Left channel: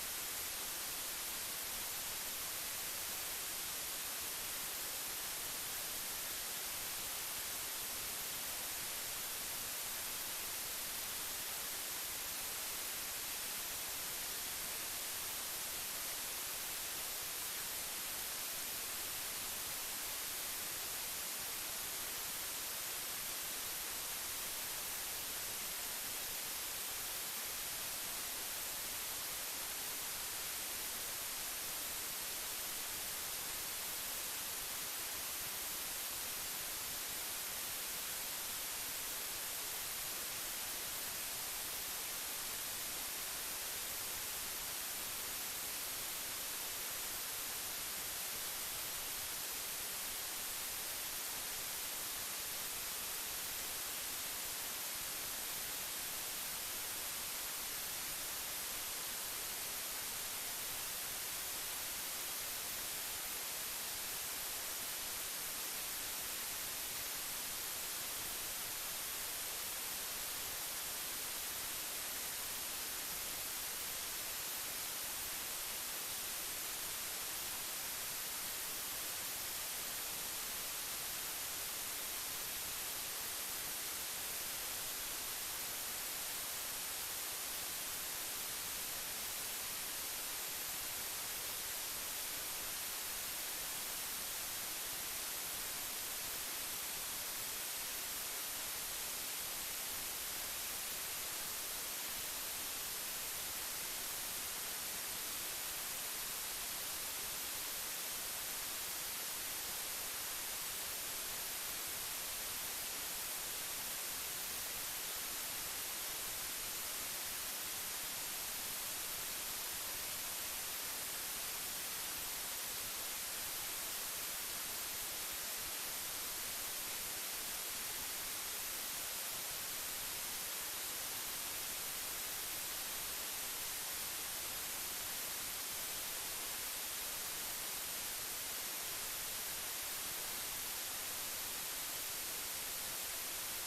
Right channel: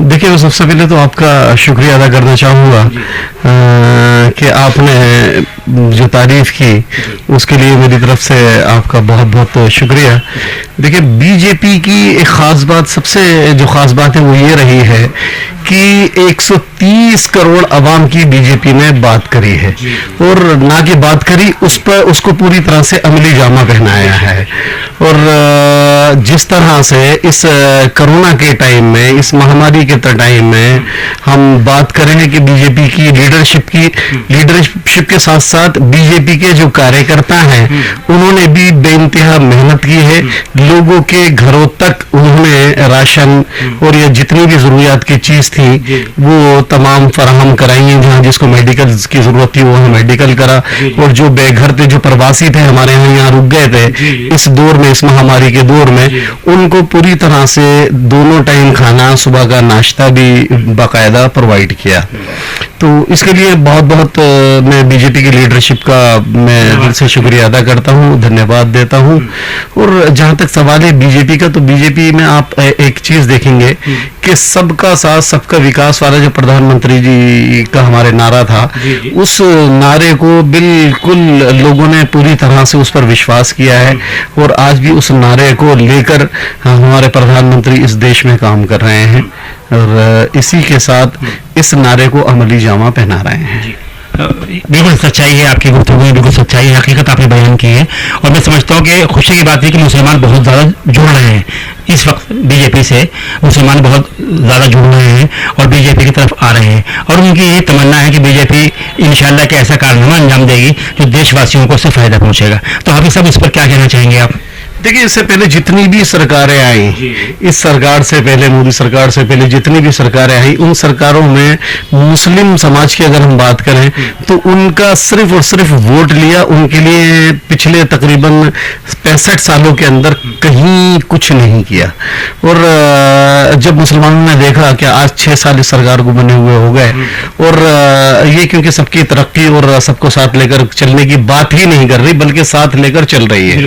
देखिए, मैं सबसे पहले तो आपका शुक्रिया अदा करना चाहूँगा कि आपने जो तारीफ की उसके लिए मेरी तरफ से आपका बहुत बहुत शुक्रिया। देखिए, बीजेपी की एक ख़ास बात, सबसे जो ख़ास बात है वो ये रही है कि 130 करोड़ अवाम की बीजेपी ने बात करी है, और ना कि बात करी, उस पर उसको पूरी तरह से अमली जामा पहनाया है। और जिस तरह से इस कोरोना के टाइम में, इस महामारी के टाइम में हम बात करें कि बीजेपी की लीडरशिप के साथ साथ बीजेपी के जो कार्यकर्ता हैं उन्होंने भी बेइंतहा मेहनत की है। लोगों के घरों तक उन्होंने राशन और ये जितनी भी जरूरियात की चीज थी वो तमाम फराहम कराई हैं। जहाँ जिसको मेडिकल की जरूरत थी वो मेडिकल करा, और जो बेघर थे, जो प्रवासी थे हमारे यहाँ रुक गए थे इस दौर में, इस महामारी के दौर में, उनको पूरी तरह से दोनों टाइम खाना, सुबह का नाश्ता भी बाकायदा प्रोवाइड किया। तो इसके लिए बहुत बहुत मैं बीजेपी की लीडरशिप का मैं दिल से शुक्रिया अदा करता हूँ, धन्यवाद देता हूँ। और जहाँ तक सवाल है बीजेपी का, तो बीजेपी में आप एक चीज देखेंगे कि सबका साथ सबका विकास वाला जो प्रधानमंत्री जी का हमारे नारा था, उस नारे को बिल्कुल लोगों ने पूरी तरह से उस पर विश्वास किया है, और आज भी उस नारे को लेकर हमारे प्रधानमंत्री इस देश में काम कर रहे हैं, और इसी के साथ इस नारे को अमली जामा पहना रहे हैं। बिल्कुल सच्चाई है आपकी गुफ्तगू में, बिल्कुल सच्चाई है, हकीकत आपने बयान की है। और मैं समझता हूँ कि खुशी की बात है कि मुसलमान बहुत ज़्यादा जुड़ रहे हैं इस वक्त बीजेपी से, मुसलमान बहुत ज़्यादा जुड़ रहे हैं और बीजेपी की तरफ आ रहे हैं, और उनकी ये तमन्ना है कि बीजेपी इंशाल्लाह के ऐसा कारनामा अंजाम देगी जो देशवासियों को उससे फ़ायदा पहुँचेगा। तो हाफिज़ साहब, इस पर क्या कहना चाहेंगे आप? देखिए, इससे पहले जितनी भी सरकारें आई, इस सरकार से पहले, मोदी सरकार से पहले जितनी भी सरकारें आई, उन सरकारों में मुस्लिम समाज की अगर हम बात करें तो उनका सिर्फ और सिर्फ वोट लिया, उनके लिए पिछले तकरीबन 65 सालों के अंदर कहीं कुछ नहीं किया। और जब मुसलमानों ने देखा कि आज 6 साल इस सरकार को बने हुए हो गए, और ये क्योंकि सबकी तरक्की और सबको साथ लेकर चलने की बात ही नहीं कर रही बल्कि साथ लेकर चल रही है,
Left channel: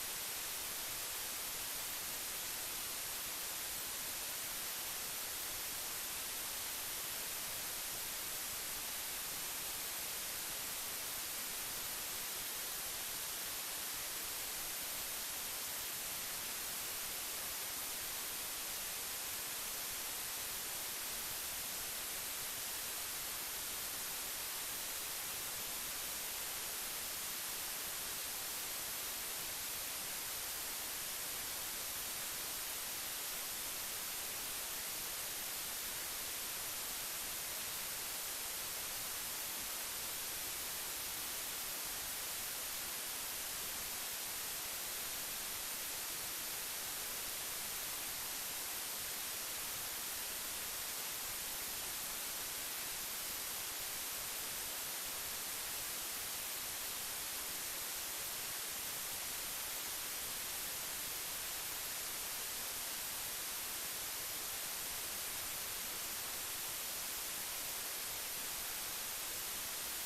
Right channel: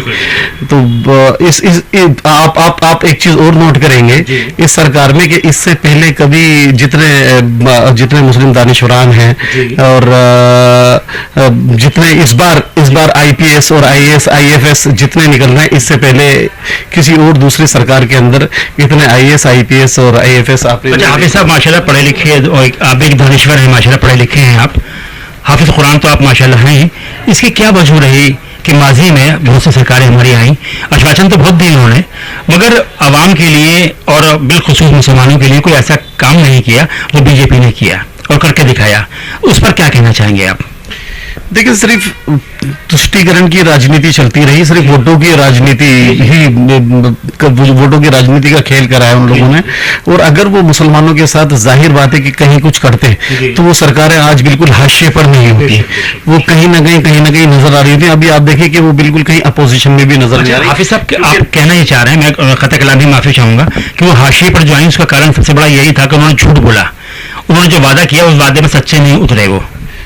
तो आप एक चीज और नोट करेंगे इस सरकार में कि इससे पहले कभी जितने मुस्लिम दानिशवरान हैं और जितने इस बार आईपीएस और आईएएस आईएफएस जितने निकल रहे हैं, इससे पहले किसी और दूसरी सरकार के अंदर इतने आईएएस आईपीएस और आईएफएस हाफिज साहब माशाल्लाह पढ़े लिखे, आप एक दानिश्वर हैं, माशाल्लाह पढ़े लिखे हैं, आप हाफिज कुरान तो आप माशाल्लाह हैं। इसकी क्या वजह रही कि माजी में बहुत सी सरकारें हमारी आई, आश्वासन तो बहुत दिए उन्होंने, मगर आवाम के लिए और बिलखुसूस मुसलमानों के लिए कोई ऐसा काम नहीं किया जो बीजेपी ने किया और करके दिखाया। उस पर क्या कहना चाहेंगे आप? देखिए, सिर्फ तुष्टीकरण की राजनीति चलती रही, सिर्फ वोटों की राजनीति ही, वोटों की राजनीति का खेल कराया उन लोगों ने। और अगर वो मुसलमानों के साथ जाहिर बात है कि कहीं कुछ करते तो वो सरकारें आज बिल्कुल हाशिए पर नहीं होती, वो कहीं ना कहीं नजर आ रही थी। अभी आप देखिए कि वो बिल्कुल कहीं अपोजिशन में भी नजर नहीं आ रही। हाफिज साहब, आप कहना ही चाह रहे हैं, मैं खता कलाम ही माफी चाहूंगा कि वो हाशिए पर जो आई उसका कारण सबसे बड़ा यही था कि उन्होंने झूठ बोला, उन्होंने जो वादा किया उस वादे में सच्चे नहीं उतरे वो।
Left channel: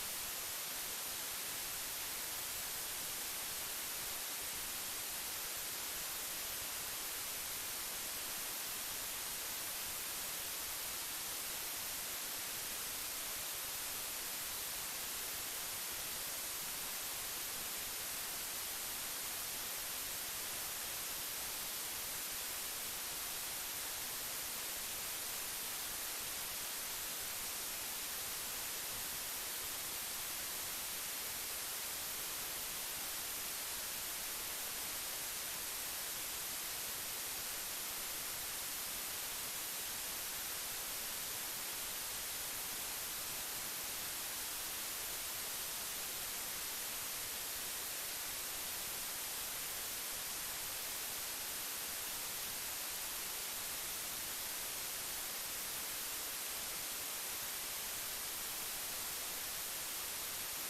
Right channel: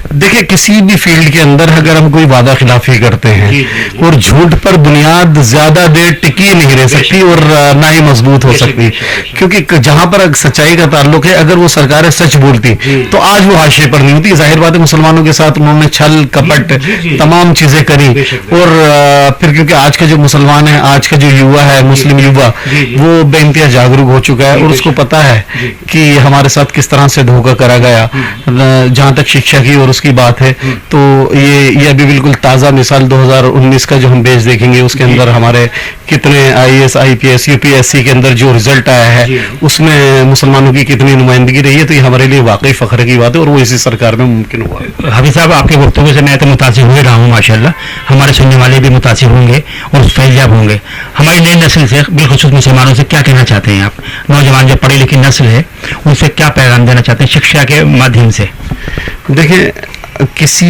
देखिए, किसी भी फील्ड के अंदर अगर हम कोई वादा खिलाफी करते हैं और झूठ पर बुनियाद ज्यादा देर टिकी नहीं रह सकती और ना ही मजबूत हो सकती, क्योंकि जहां पर सच्चाई का ताल्लुक है, अगर वो सरकारें सच बोलती तो आज वो हाशिए पर नहीं होती। जाहिर बात है, मुसलमानों के साथ उन्होंने छल कपट तमाम चीजें करी, और फिर क्योंकि आज का जो मुसलमान है, आज का जो युवा है, मुस्लिम युवा, वो बेइंतहा जागरूक हो चुका है और उसको पता है कि हमारे साथ किस तरह से धोखा करा गया। जहां तक शिक्षा की और उसकी बात है, तो ये अभी बिल्कुल ताज़ा मिसाल 2019 का जो हम बेस देखेंगे उसके अंदर हमारे कितने आईएएस आईपीएस यूपीएससी के अंदर जो रिजल्ट आया है उसमें मुसलमानों की कितनी नुमाइंदगी रही है। तो ये हमारे लिए वाकई फख्र की बात है और वो इसी सरकार में मुमकिन हुआ। हाफिज साहब, आपके वक्तव्य से मैं तो मुतासिर हुए रहा हूँ माशाल्लाह, हमारे सुनने वाले भी मुतासिर होंगे और फैज़याब होंगे। हमारी नई नस्ल से, बिलखुसूस मुसलमानों से क्या कहना चाहते हैं आप? नौजवान जो पढ़ी लिखी नस्ल है उनसे क्या पैगाम देना चाहते हैं शिक्षा के माध्यम से? देखिए, किसी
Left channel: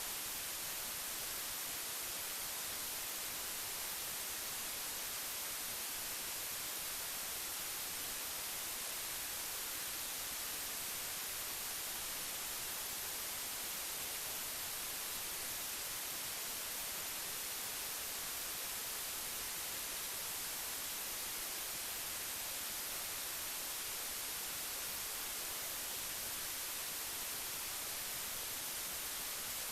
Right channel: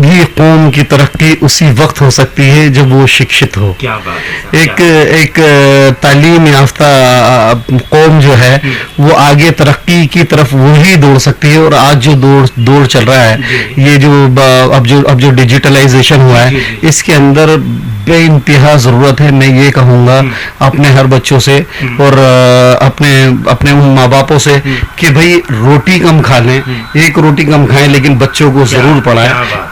भी कौम की तरक्की उसी वक्त हो सकती है जब वो शिक्षित हो। क्या बात है। एक तालीम याफ्ता कौम जो है वो आगे तरक्की की तरफ वही दौड़ सकती है। और आज जो दौड़ चल रहा है, ये जो अब जो डिजिटलाइजेशन हुआ है, इसके अंदर बेइंतहा ज़रूरत है। मैं ये कहूँगा अपने हर बच्चों से और अपने अपने उन माँ बापों से कि भाई रोटी कम खा लें, एक रोटी कम खाएं, लेकिन बच्चों को ज़रूर पढ़ाएं।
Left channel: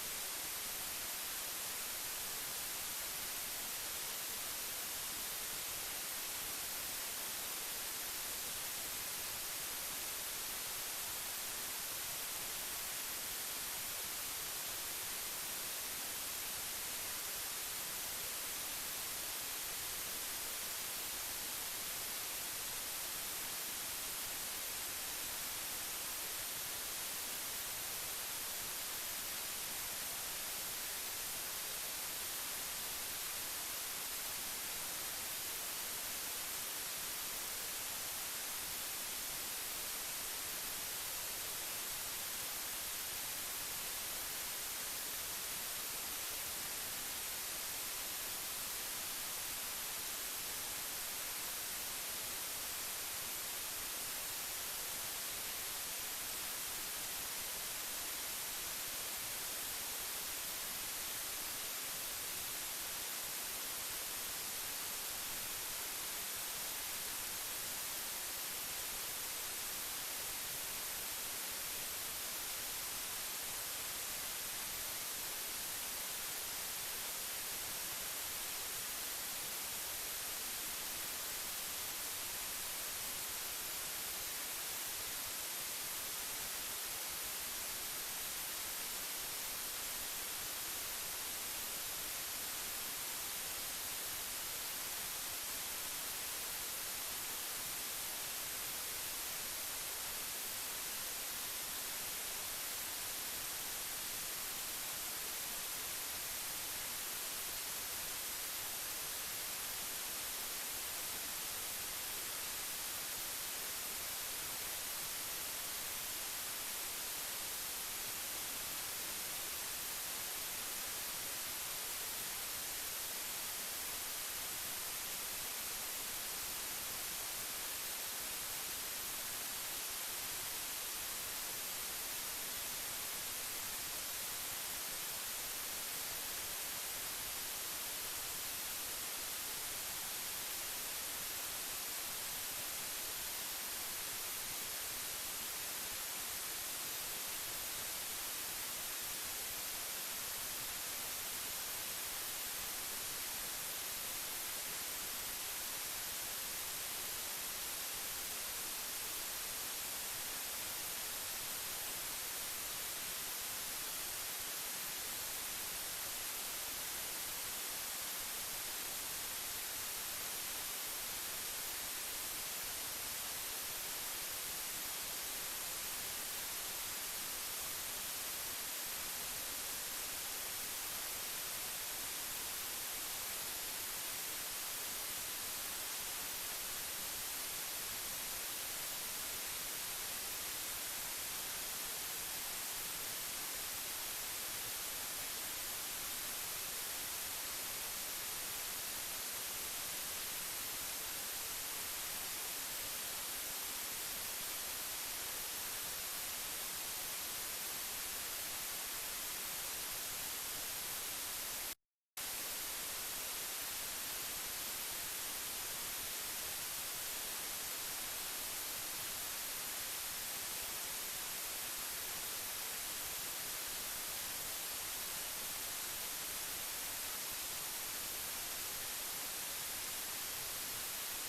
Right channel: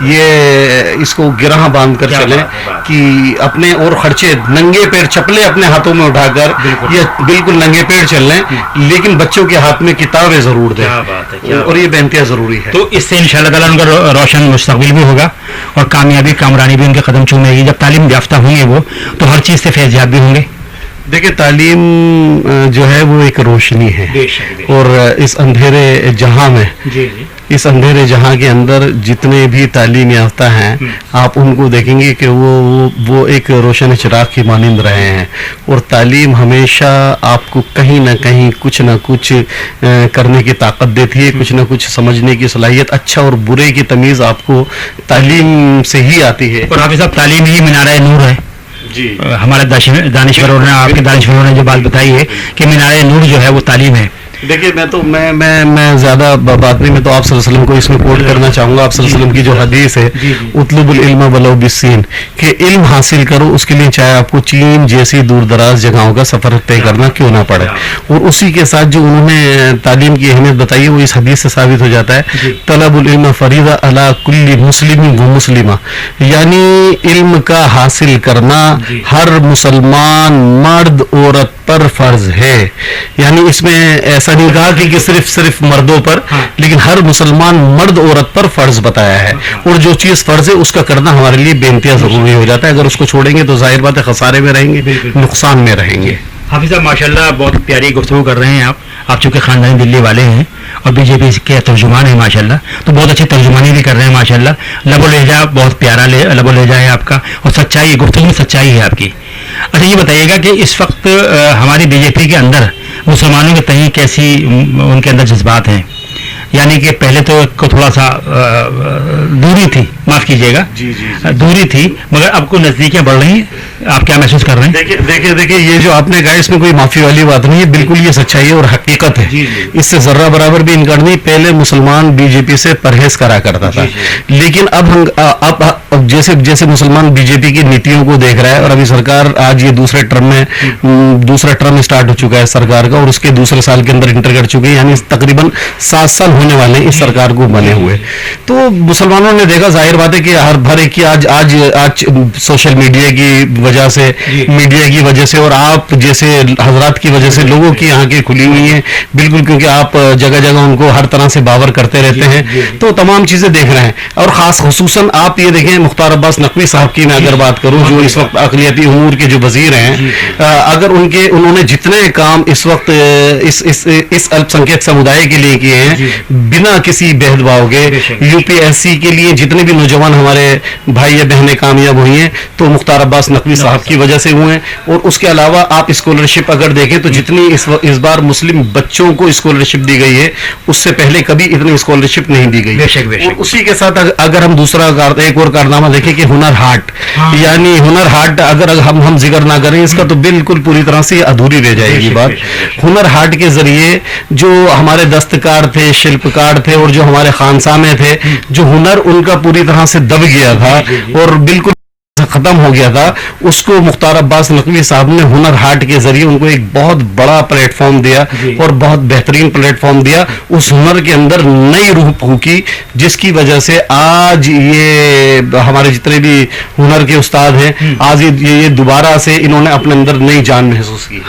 ये इसको गिरह बांध कर चलें कि अपने और खर्चे नंगे पैर चप्पलें अपने हाथों में उठाकर ये बिल्कुल नंगे पैर चल लें, लेकिन बच्चों के हाथ में किताबें ज़रूर दें, और ये बेइंतहा ज़रूरी है। तो इससे इंशाअल्लाह ताला उनका रोशन मुस्तकबिल भी होगा और कामयाबी कामरानी भी उनके कदम चूमेगी। जब तालीम याफ्ता होंगे वो तो हर चीज़ से फैज़याब भी होंगे। देखिए, तालीम जो है वो एक रोशनी है, और इस अंधेरे जहां में, इस अंधेरे जहां के अंदर जितने भी तालीम याफ्ता हैं, आप उनको देखेंगे कि वो एक रोशन चिराग की मानिंद रहे हैं। और तालीम हमेशा आपको कहीं ना कहीं कुछ ना कुछ करने की ताकत देती है, कुछ ना कुछ समझने की सलाहियत, अच्छा और बुरे की तमीज़ आपको तालीम से ही आती है। और हाफिज़ साहब, तालीम ही मीनार नूर है। जी, हमारे दानिश्वरों ने, आपके दानिश्वरों ने जो बात बताई है कि मीनार नूर जो है वो तालीम है। देखिए, मैं ज्यादा बात नहीं, मैं तो आप सल्लल्लाहु अलैहि वसल्लम को इसमें कोट करना चाहूंगा। आप सल्लल्लाहु अलैहि वसल्लम की जो हदीस है, उतलुबुल इल्म वलौ बिस्सीन, कि इल्म हासिल करो, उसके लिए चाहे आपको चीन जैसी दूर दराज जगहों का सफर तय करना क्यों ना पड़े। और उसी के साथ जो उन्होंने तालीम की अहमियत बताई है वो इस हदीस से साबित हो जाता है। तलबुल इल्म फरीदा अला कुल्ली मुस्लिम व मुस्लिमा, यानी इल्म का हासिल करना हर मुसलमान मर्द औरत पर फर्ज है। यानी इसमें ऐसा नहीं कहा कि सिर्फ मर्दों पर, लेकिन हर मुसलमान मर्द औरत पर फर्ज बताया है। और जो चीज फर्ज है उसका करना हमारे लिए बेइंतहा जरूरी हो जाता है। अगर उसको छोड़ेंगे तो जाहिर बात है खसारे में रहेंगे, नुकसान में रहेंगे। हाफिज़ साहब, माशाल्लाह बहुत प्यारी गुफ्तगू कर रहे हैं आप चूँकि ख़ानदानी दिल्ली वाले हैं और बीजेपी के तर्जुमान हैं माशाल्लाह, तो बहुत अच्छी तर्जुमानी भी कर रहे हैं माशाल्लाह। लबो लहजा बहुत प्यारा लबो लहजा है आपका, और सच्चाई, गुफ्तगू में सच्चाई है आपकी। अच्छा, ये बताइएगा कि इस वक्त हमारी बीजेपी के अंदर मुसलमानों के तहीं कैसी उनके अंदर जज्बात हैं? यानी कि पहले तो थोड़ा सा दूरी थी, माफ कीजिएगा, दूरी थी, मगर अब को नजदीकियां बढ़ रही हैं। आप क्या महसूस कर रहे हैं? देखिए ये जो आपने कहा इसमें कोई माफी वाली बात नहीं है, बिल्कुल ये सच्चाई है और हकीकत है। इससे जर्रा बराबर भी इनकार नहीं। पहले मुसलमान बीजेपी से परहेज करा करता था, लेकिन अब जैसे मुसलमान बीजेपी की नीतियों को देख रहा है, और अभी सरकार आज ये दूसरा टर्म स्टार्ट हो चुका है सरकार का, और उसके दूसरे साल के अंदर इंटर कर चुके हैं, यानी तकरीबन 7 साल होने वाले इस सरकार को बने हुए। तो मुसलमानों ने देखा, जाहिर बात है कि हर एक की आज सोशल मीडिया की वजह से और आप जैसे हजरात की वजह से लोगों की आंखें खुली हुई हैं बिल्कुल, क्योंकि आप जगह जगह उनको हर तरह से बावर करते रहते हैं, तो तमाम चीजें देख रहे हैं। और खास खुसूसन आप ये देखें, मुख्तार अब्बास नकवी साहब की मैं अगर बात करूं, जो इस वक्त अक़लियती उमूर के जो वजीर हैं, अगर उन्होंने जितने काम इस वक्त इस अल्पसंख्यक समुदाय के लिए किए हैं बिना किसी भेदभाव के, यूपीएससी के लिए जितने भी नौजवान हमारे भाई या बहनें कामयाब हुई हैं तो मुख्तार अब्बास नकवी साहब की वजह से हुए हैं। और उसके अलावा आप स्कॉलरशिप अगर देखें तो जितनी इस बार मुस्लिम बच्चों को स्कॉलरशिप दी गई है, उससे पहले कभी इतनी स्कॉलरशिप नहीं दी गई। और उसी के साथ अगर हम एक और कारनामा देखें कि हुनर हाट, यानी हुनर हाट अगर हम जिक्र ना करें इसका तो बिल्कुल पूरी तरह से अधूरी रह जाएगी बात। हुनर हाट के जरिए जो हमारे दस्तकार थे, शिल्पकार थे, और जो हमारे खानसामे थे, जो हुनर उनका पूरी तरह से दब गया था और बिल्कुल खत्म हो गया था, उसको मुख्तार अब्बास नकवी साहब ने हुनर हाट के जरिए उनको एक बहुत बड़ा प्लेटफॉर्म दिया और बहुत बेहतरीन प्लेटफॉर्म दिया। उस हुनर के अंदर नई रूह फूकी, जिसकी वजह से आज ये हमारे जितने भी हुनर के उस्ताद हैं, आज ये दोबारा से इन्होंने अपने अंदर नई जान महसूस की।